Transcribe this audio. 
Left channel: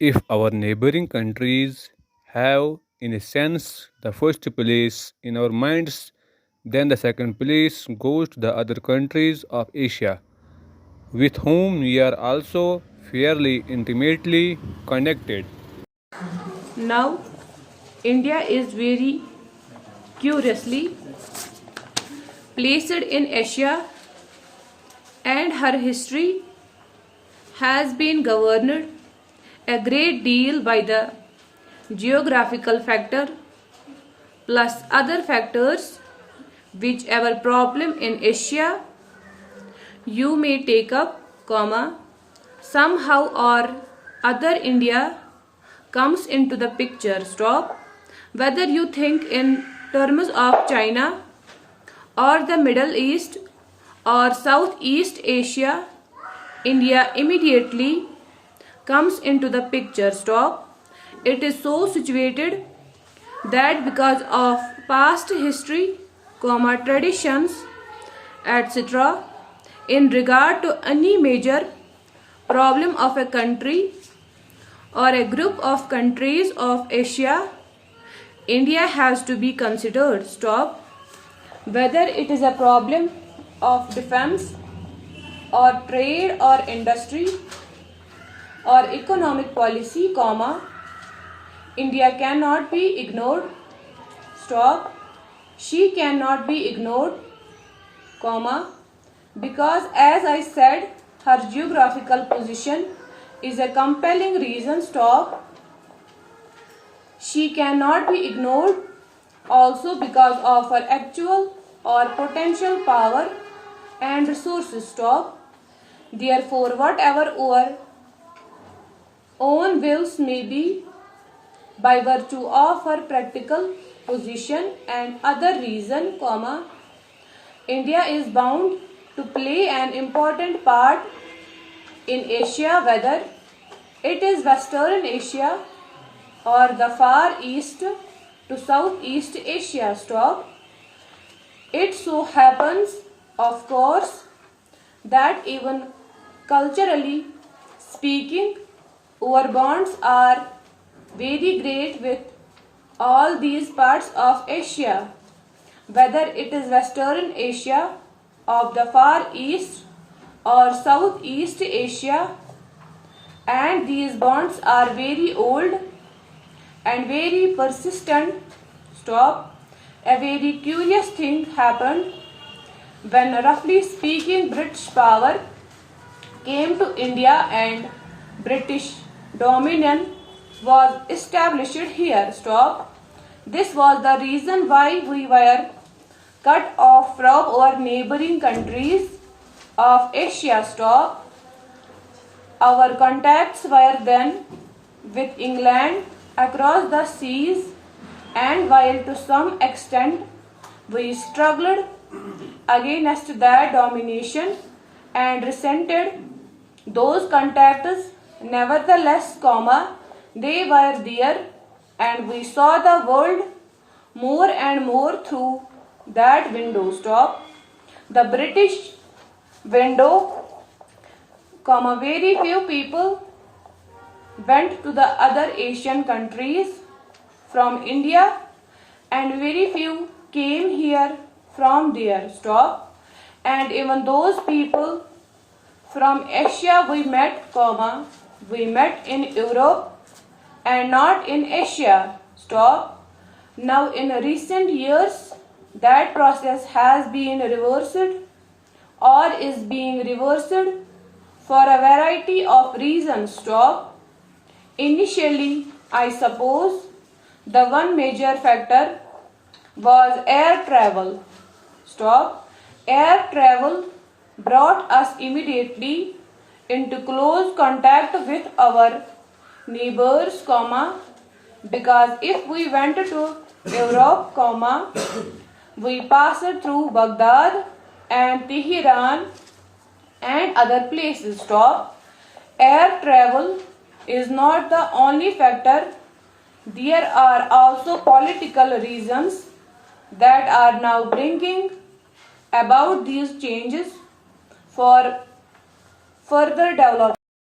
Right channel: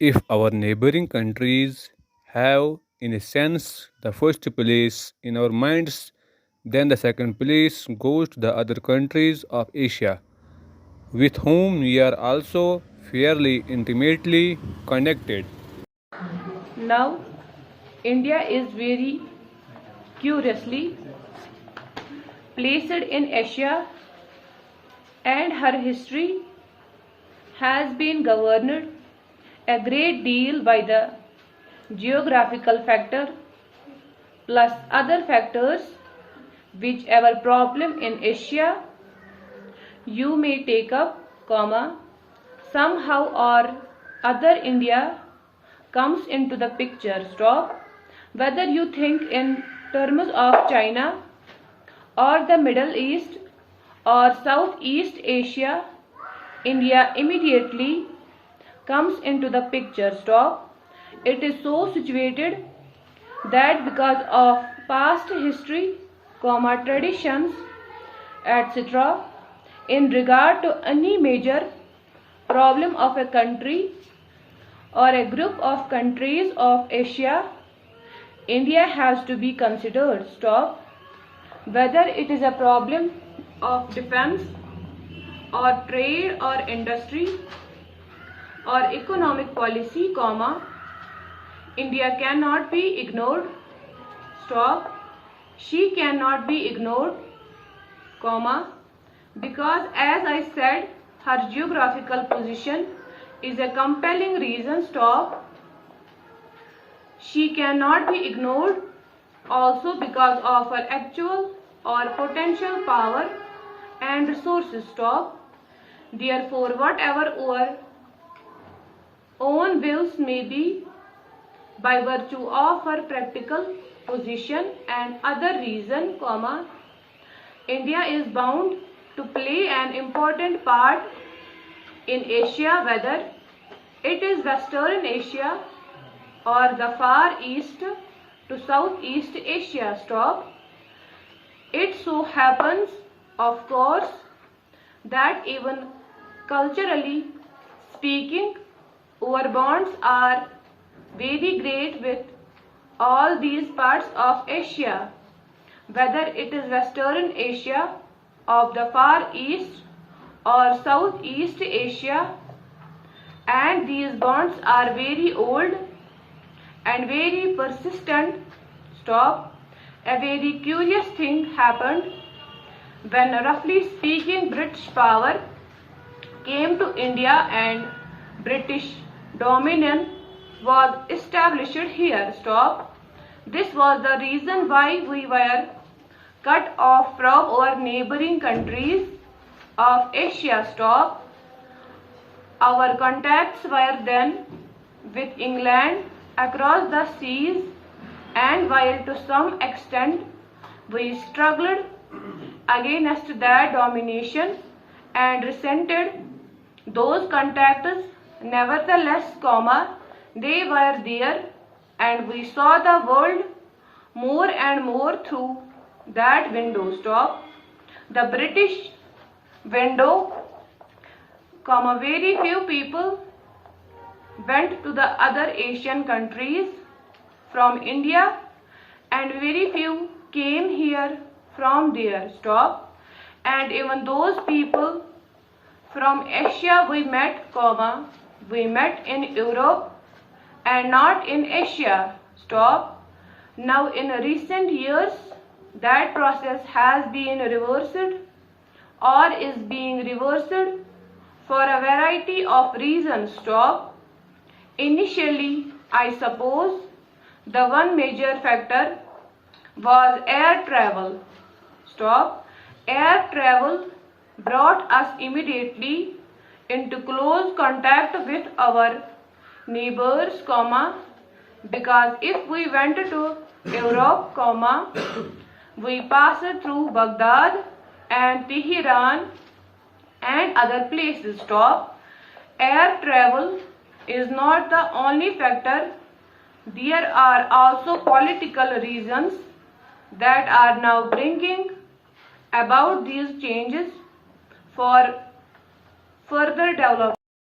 If our neighboring countries have, in a sense, the first place in our minds, then the second place goes to the other countries of Asia, with whom we are also fairly intimately connected. Now, India is very curiously placed in Asia, and her history has been governed a great deal by the geographical factor plus other factors. Whichever problem in Asia you may take up, somehow or other India comes into the picture. Whether you think in terms of China or the Middle East or Southeast Asia, India immediately comes into the picture. It is so situated that because of past history, traditions, etc., in regard to any major problem of a country or a group of countries of Asia, India has to be considered. Whether it is a problem of defense or trade or industry or economic policy, India cannot be ignored. She cannot be ignored, because as I said, her geographical position is a compelling reason. She cannot be ignored also because of her actual or potential power and resources. Therefore, whatever our own wills may be, by virtue of her practical position and other reason, India is bound to play an important part in Asia, whether it is Western Asia or the Far East to Southeast Asia. It so happens, of course, that even culturally speaking, our bonds are very great with all these parts of Asia, whether it is Western Asia of the Far East or Southeast Asia, and these bonds are very old and very persistent. A very curious thing happened when, roughly speaking, British power came to India and British dominion was established here. This was the reason why we were cut off from our neighboring countries of Asia. Our contacts were then with England across the seas, and while to some extent we struggled against that domination and resented those contacts, nevertheless, they were there, and we saw the world more and more through that window. The British window, very few people went to the other Asian countries from India, and very few came here from there. And even those people from Asia we met, we met in Europe and not in Asia. Now in recent years, that process has been reversed or is being reversed for a variety of reasons. Initially, I suppose the one major factor was air travel. Air travel brought us immediately into close contact with our neighbors, because if we went to Europe, we passed through Baghdad and Tehran and other places. Air travel is not the only factor. There are also political reasons that are now bringing about these changes for further development.